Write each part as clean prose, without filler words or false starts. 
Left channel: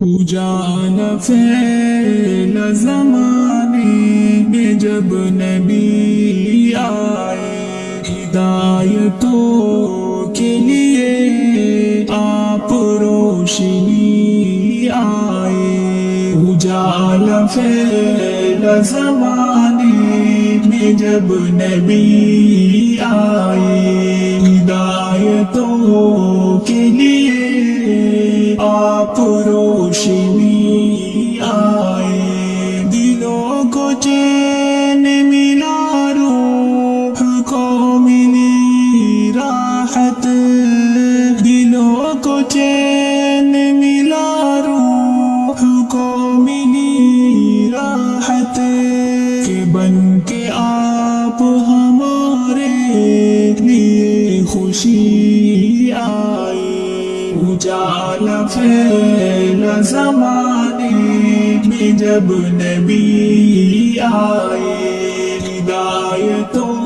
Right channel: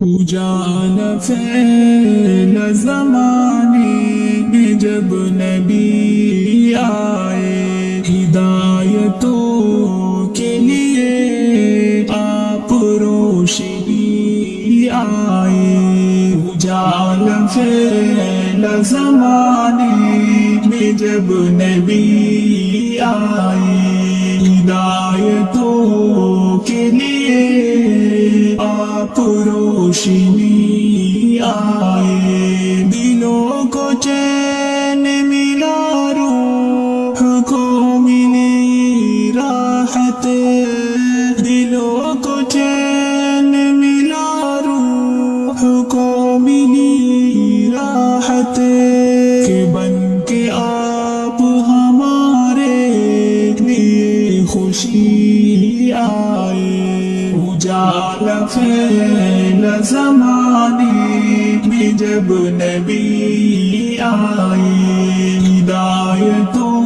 اجالا پھیلا زمانے میں جب نبی آئے، ہدایتوں کے لیے آپ روشنی آئے۔ اجالا پھیلا زمانے میں جب نبی آئے، ہدایتوں کے لیے آپ روشنی آئے۔ دلوں کو چین ملا، روح کو ملی راحت، دلوں کو چین ملا، روح کو ملی راحت، کہ بن کے آپ ہمارے لیے خوشی آئے۔ اجالا پھیلا زمانے میں جب نبی آئے، ہدایتوں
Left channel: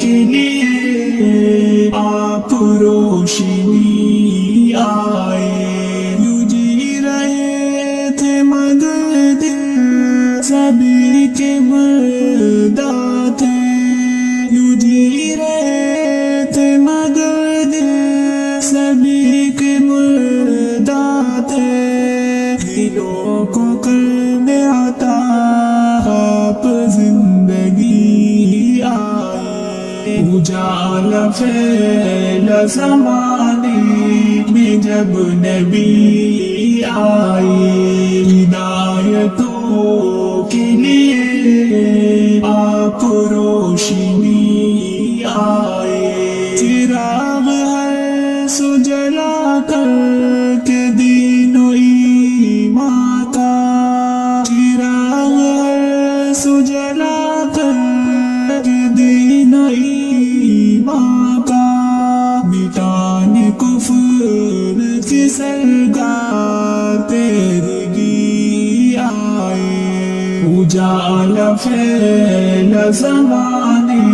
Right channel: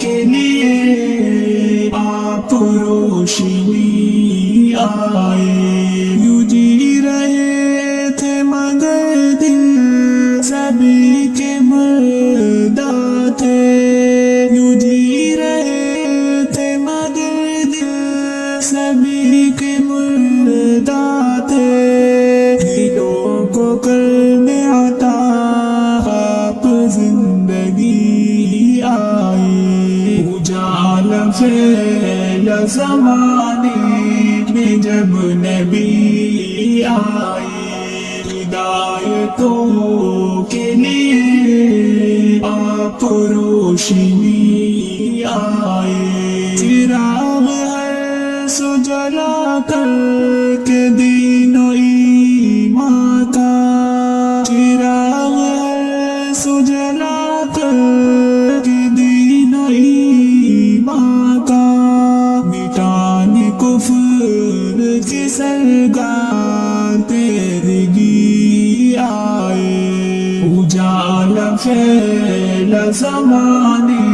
کے لیے آپ روشنی آئے۔ یوں جی رہے تھے مگر دل سبھی کے مردہ تھے، یوں جی رہے تھے مگر دل سبھی کے مردہ تھے، دلوں کو کرنے عطا آپ زندگی آئے۔ اجالا پھیلا زمانے میں جب نبی آئے، ہدایتوں کے لیے آپ روشنی آئے۔ چراغ ہے سو جلا کر کے دین و ایمان کا، چراغ ہے سو جلا کر کے دین و ایمان کا، مٹانے کفر کے سرگار تیرگی آئے۔ اجالا پھیلا زمانے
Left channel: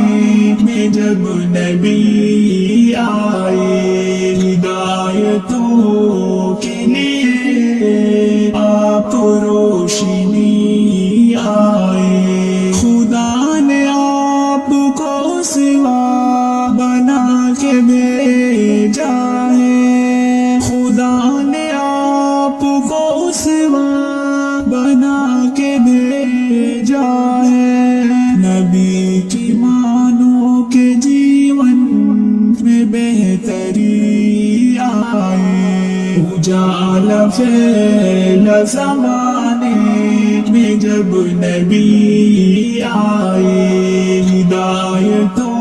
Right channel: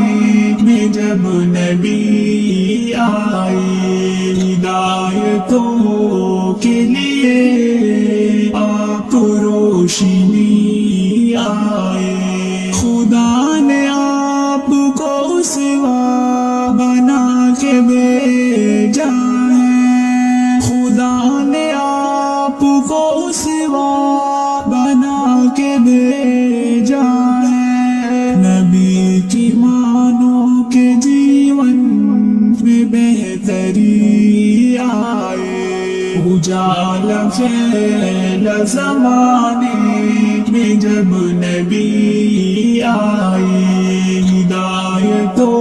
میں جب نبی آئے، ہدایتوں کے لیے آپ روشنی آئے۔ خدا نے آپ کو سوا بنا کے بھیجا ہے، خدا نے آپ کو سوا بنا کے بھیجا ہے، نبی کی مانو کے جیون میں بہتری آئے۔ اجالا پھیلا زمانے میں جب نبی آئے، ہدایتوں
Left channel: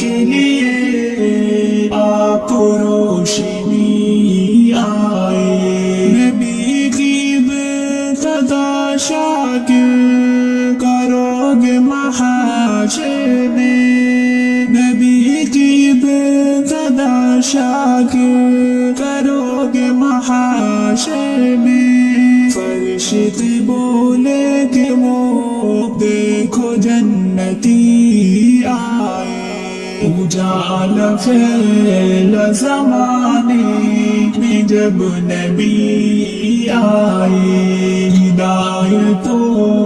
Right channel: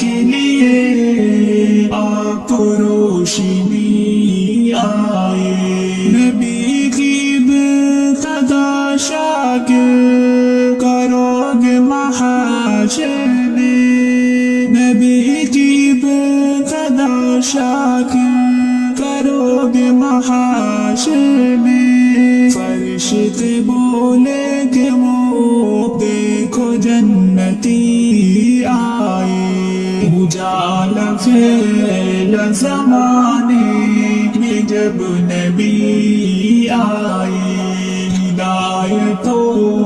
کے لیے آپ روشنی آئے۔ نبی کی ابتدا شاکر کرو گے محاشر میں، نبی کی ابتدا شاکر کرو گے محاشر میں، فرشتے بولے کہ وہ دیکھو جنتی آئے۔ اجالا پھیلا زمانے میں جب نبی آئے، ہدایتوں